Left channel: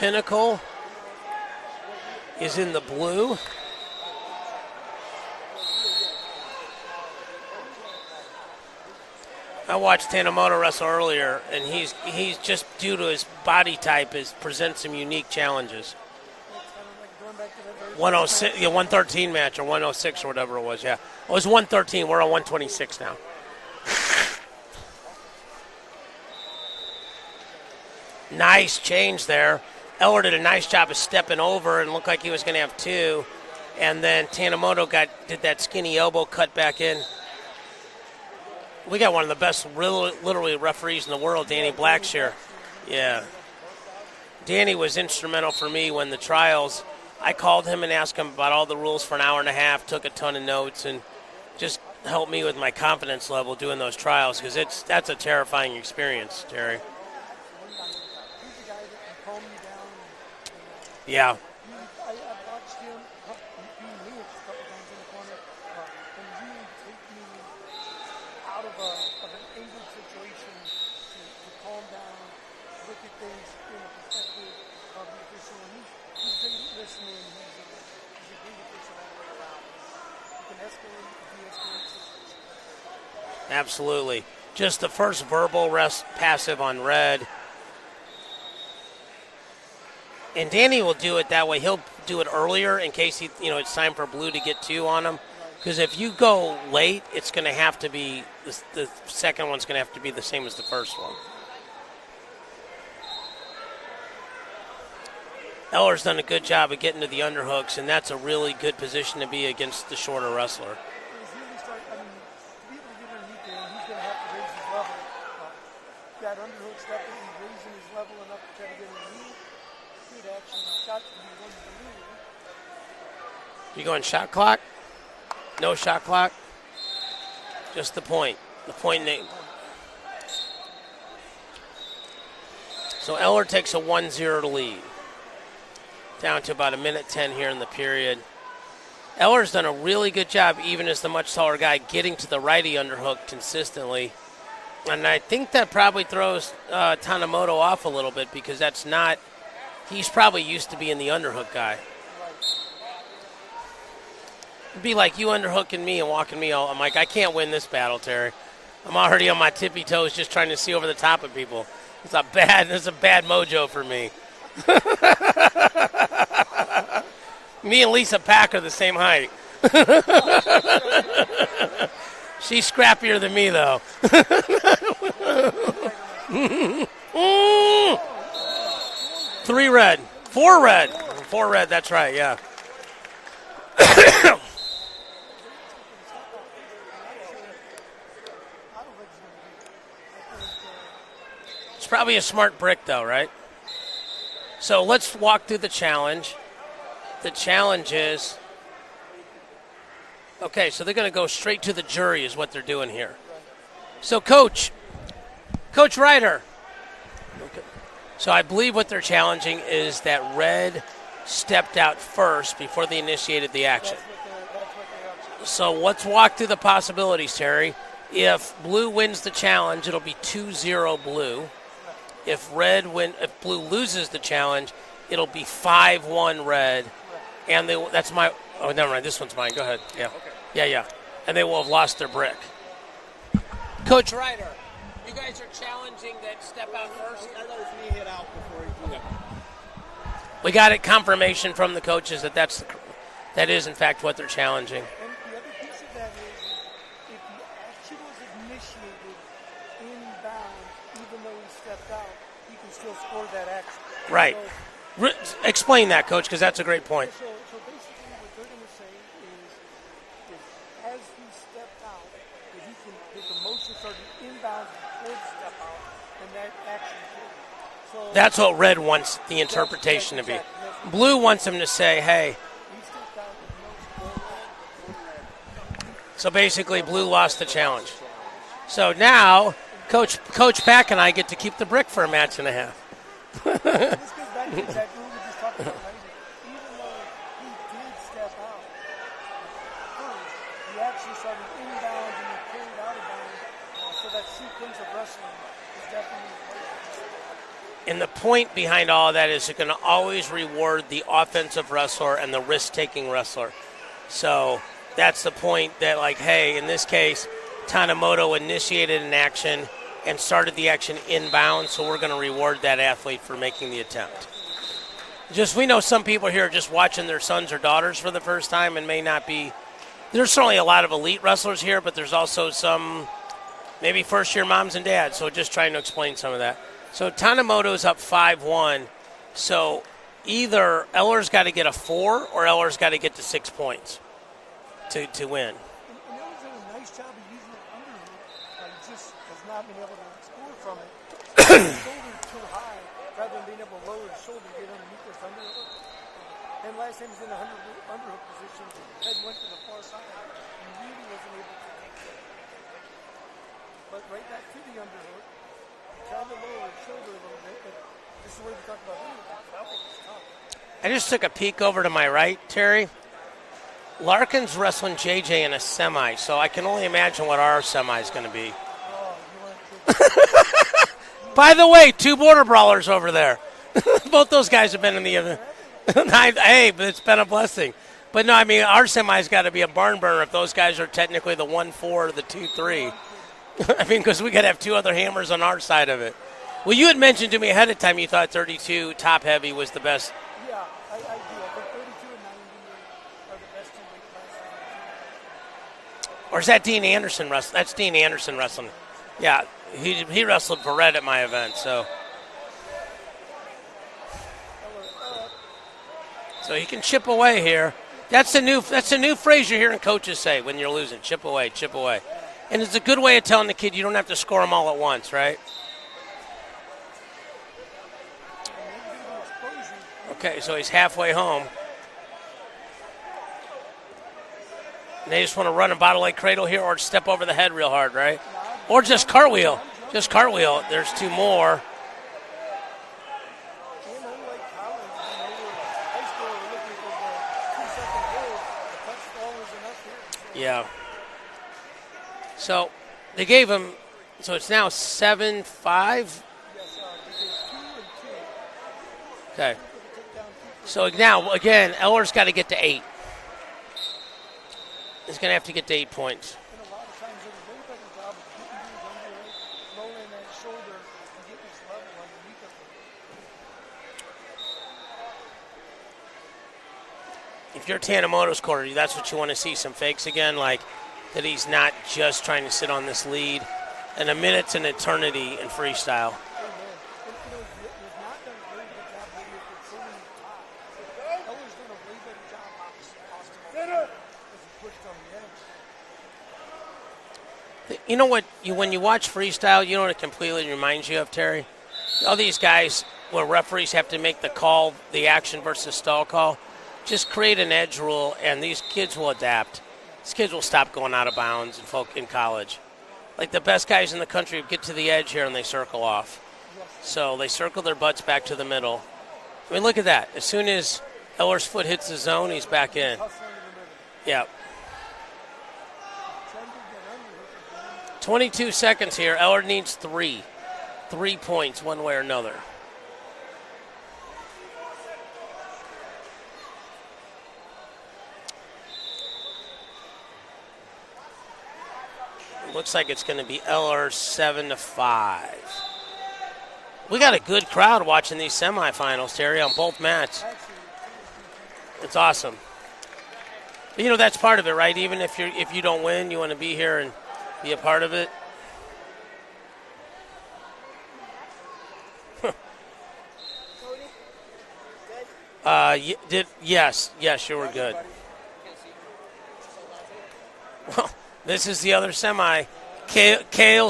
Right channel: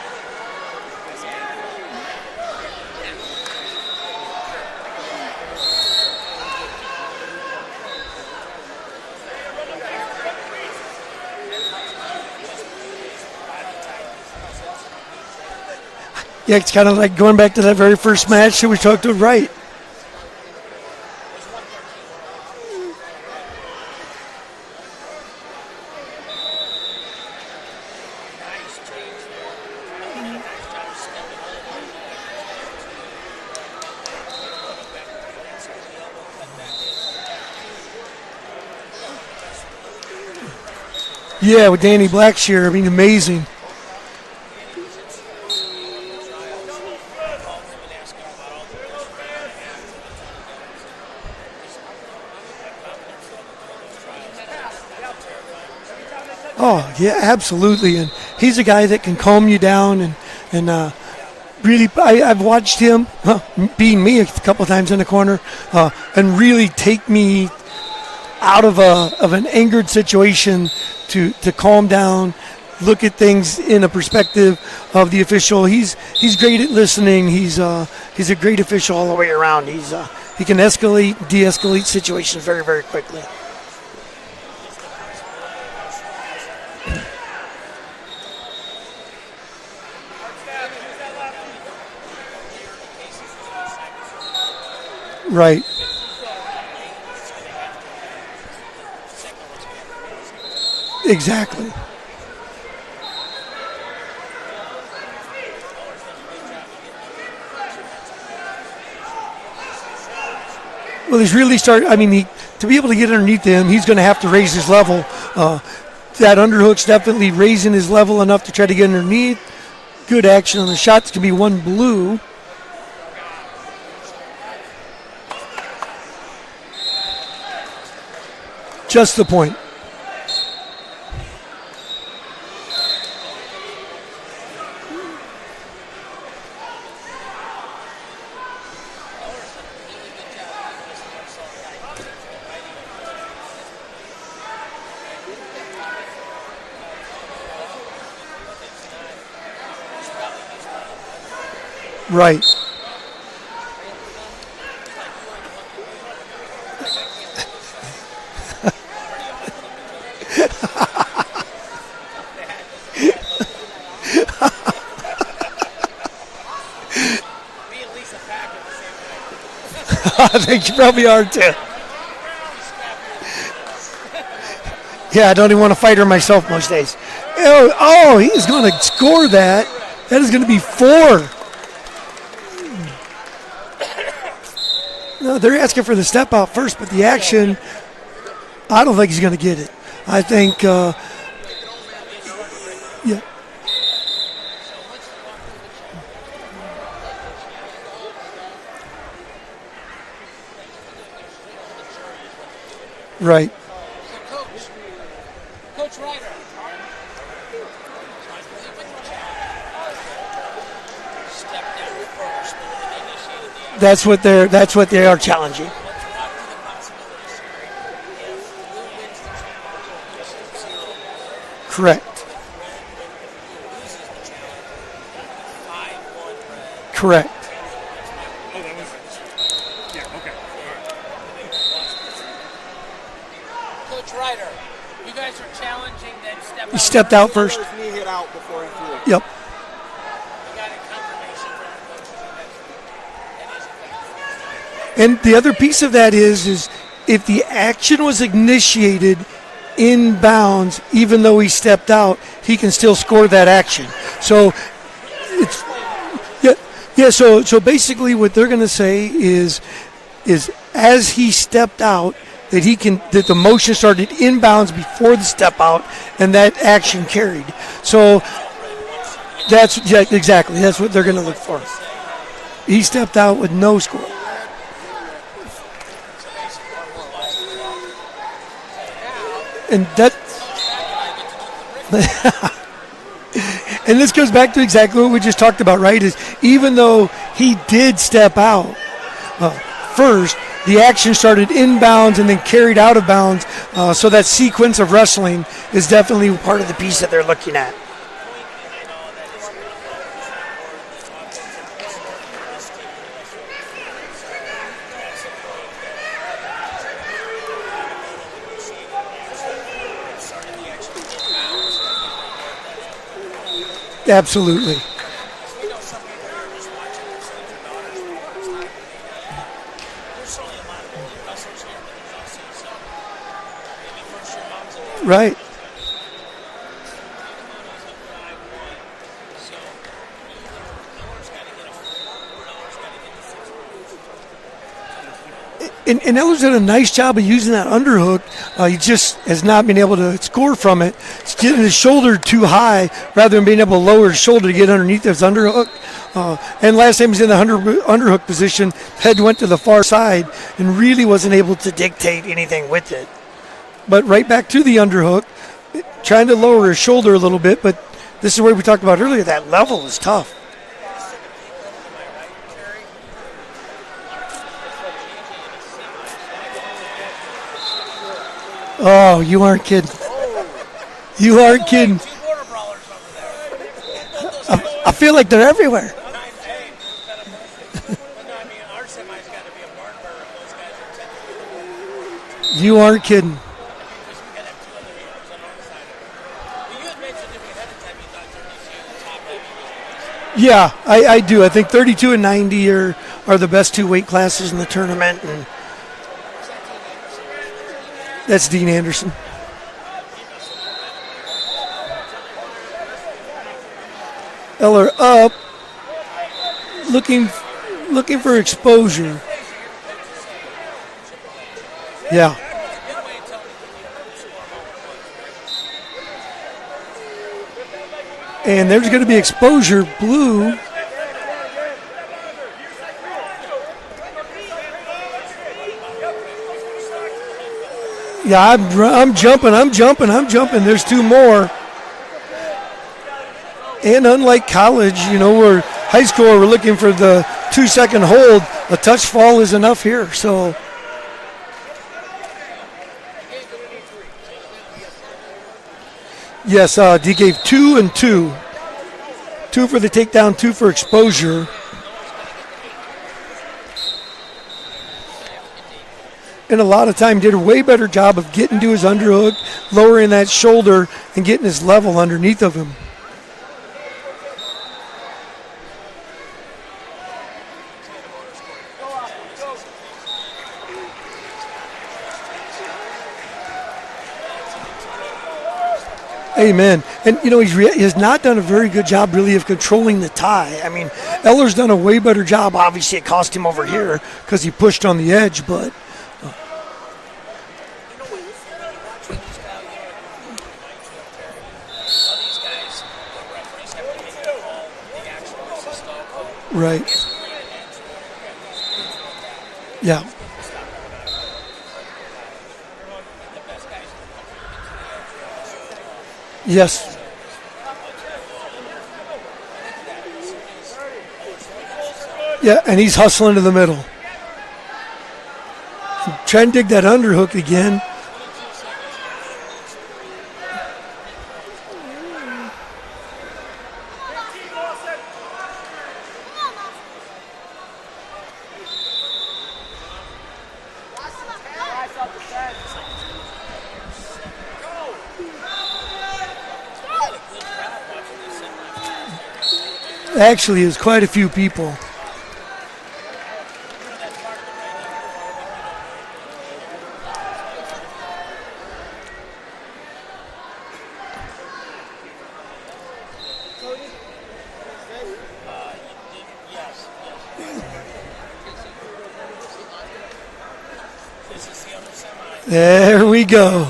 Pinnacle is in the blue. I watched Tanimoto wrestle earlier, and he's just, due to his body type, presents some unique challenges. Yeah, it's kind of like going back to that very first match that we talked to, right? Match, or 106 or whatever it was, yeah. It was 113. We're on 126 now. Nice change there. Eller did a nice job of stepping over and looked like he was going to have two. And then Tanimoto did that skinny elbow cut back in. We got one of the best, literally, referees in the world. Yeah, with Danny Blackshear. I mean, amazing. Danny was instrumental for me when the trials. I called him and asked him about all the rules for an hour and a half, took a ton of notes, and just helped me with my confidence level doing those trials, because that's a terrifying experience. Oh, yeah, absolutely. And he's a guy that can calm you down and really, I've watched him beating me a couple of times in the corner and really take me out of an angered situation to calm down, look at things in a perspective of the official. He's great at listening. He's a great official all the way around. He can escalate, de-escalate situations very, very quickly. Absolutely. Just the first verbal rest passive on red. And Danny will do it that way. He'll do it earlier in case it's time for blue to get two on him. Right. Because if you go late, it's going to have to be the second one's going to have to be the same as the first one. Exactly. Eller's done a good job of getting to the underhooks, and that's a really good position to be against the shorter wrestler. Well, he's really started. I mean, to be able to get underneath him, he's going to have to raise his level. That underhook's definitely raising his level enough to try to get underneath. Good action on the shots. Could be one blue. You going shot clock? No shot clock? Just the point. Just the point. So Eller takes a 1-0 lead. Down to about 1:10 here in the period. Eller's done a really good job, even as the much taller guy, getting to the righty underhook consistently. And I think that probably throws Tanimoto off a little bit, because he's probably used to being the underhook guy. Right. It'd be like you underhooking me and walking me all. I'm like, I can't win this battle, Terry. I'm already on my tippy toes just trying to see over the top of people. It's a bad mojo for me. Me and Lisa Pack are the same height. I think you probably are too. She's scrappier than me, though. Yeah, I don't even want to fight her myself most days. Oh, he's going to score that. 3 red. That is going to be red. 4. 4 red, that's right, yeah. No, they're asking for the step out first, but the action, I don't think he's going to get it. I think it's probably a smart brick, though, right? So let's walk through the challenge. The challenge is, okay, so they're going to go straight to the jury is what they're doing here. Right. So Coach Ryder. So I believe what they're challenging is that red stepped out first before they initiated the action. That's what they are challenging. So let's walk through the possibilities, Terry. If blue wins the challenge, it'll be 2-0 blue. Correct. If blue loses the challenge, it'll be 5-1 red. Correct. And that's my. Oh, never mind. This one's mine. Go ahead. Yeah. Okay. Yeah. And they will have lost their brick. Coach Ryder, you guys are challenging that step out. He stepped out first. His knee hit out before he threw. Yep. We got it confirmation from the coaches that is in fact what they're challenging. And the other piece of that is if the action was initiated in bounds, even though he stepped out, he can still score that action. Right. So explain that, Coach, because that's a great point. Yeah. So basically, what they're going to say is as he stepped out, that the motion started inbounds before the step out, and that action carried. So that's what red wants. Exactly. That's what they're going to. Blue wants him to say, "Hey, he stepped out with no score." So basically, blue lost the challenge. So now, Coach Pack and I get to keep the brick for a match and a half. And this goes back to exactly what we just talked about, right? Is even though he did step out first, the action started inbounds and then carried out of bounds. So that sequence of wrestling is definitely part of the piece that they're looking at. And the point behind all of that is it's going to always reward the offensive wrestler and the risk-taking wrestler. So that's the point that, like, hey, in this case, Tanimoto initiated an action and started the action inbound, so we're going to reward that athlete for making the attempt. Absolutely. We know some people here are just watching their sons or daughters for the first time and may not be. There's certainly a lot of elite wrestlers here, but there's also some maybe first-year moms and dads. Right. So just trying to explain some of that. So Tanimoto's up 5-1. So either Eller's got to get a 4 or Eller's got to get to 6 points to win. And Eller's done a nice job of using that underhook. He just has not been able to score from it. He's getting his shoulder too high rather than being able to lower his shoulder to get underneath his underhook. And last time he was in the underhook position, head went to the far side and really wasn't able to dictate anything with it. But right back to the underhook, trying to lower his shoulder a little bit, but this is where we talked about earlier, that level is tough. I just took a peek over to my right, Terry. Larkin's wrestling JJ in a semi, so I can only imagine what our semi is going to be. Oh, you aren't kidding. By the way, 2 border brawlers over there. Both those guys have been. I feel like they're everywhere. Hey, but it's been a blessing. But no, I mean, our semi's got to be a barn burner if those guys are technically the 1-4, the 2-3. You aren't kidding. I mean, because we got to have 2 other hammers on our side of it. Well, you had mentioned to me ahead of time you thought 32 top heavy was the best. Yeah, I do. I think 32 and 90 are the best 2 weight classes in the tournament. Or is that Dean Anderson wrestling? That's Dean Anderson. That's wrestling. Dean Anderson. Yeah, he wrestled for Red at my event, so. Eller up. So he can chip away here. Looking for exposure. That's a new phrase you're hearing coaches say when you're losing. Chip away, chip away. Yeah. And it's a good way of telling the kid you don't have to score them all at once, right? And there's going to be exposure, blue. Okay, so he's halfway home. They just want to run a bottle like cradle here or step over the head real hard, right? Yeah, I'm jumping. There's 2 more. And unlike college, or high school, we're looking for the 2-second hold. A touch fall is enough here. So, yeah. So they gave him. So it's now 7-5. Yes, he gave 2 and 2. Okay. 2 for the takedown, 2 for exposure. So now, again, Eller's got to get to 8. He's going to have to get to 8 points. And a lot of time did a way better job of getting to his underhook, lowering that shoulder, and getting his level underneath of him. If you're Tanimoto's corner, that's what you want to see, some fakes again, like that he's not just trying to sit on this lead. And a minute's an eternity in freestyle. Amen. And, he has not done a very good job, really, of controlling the tie. I mean, Eller's done a way better job. Obviously, it cost him over here because he pushed on the edge, but... You know what? When you watch freestyle, you know what it completely reminds you of, Terry? All these guys where referees have to make the call, the action versus stall call. Right. Just create an edge rule, and these kids will adapt. Yeah. These kids will stop going out of bounds in college. Like the best guys in the country get to the edge here and they circle off. Yes. So they circle their butts back to the middle. I mean, look at that. As soon as Eller's foot hits the zone, he's back and he's hustling to the middle. Yeah. Trying to dig that underhook again. 22 seconds here. Eller needs 3. 3 points one way or another. Looks like it's going to be Eller 7-5. We got a good crowd watching these semifinals, Terry, on both matches. Actually, there's quite a few people. It's awesome. That's part of it, right? Even if you don't win, you want to be here and be a part of it. Yes, you were good. This is the other semi. There we go.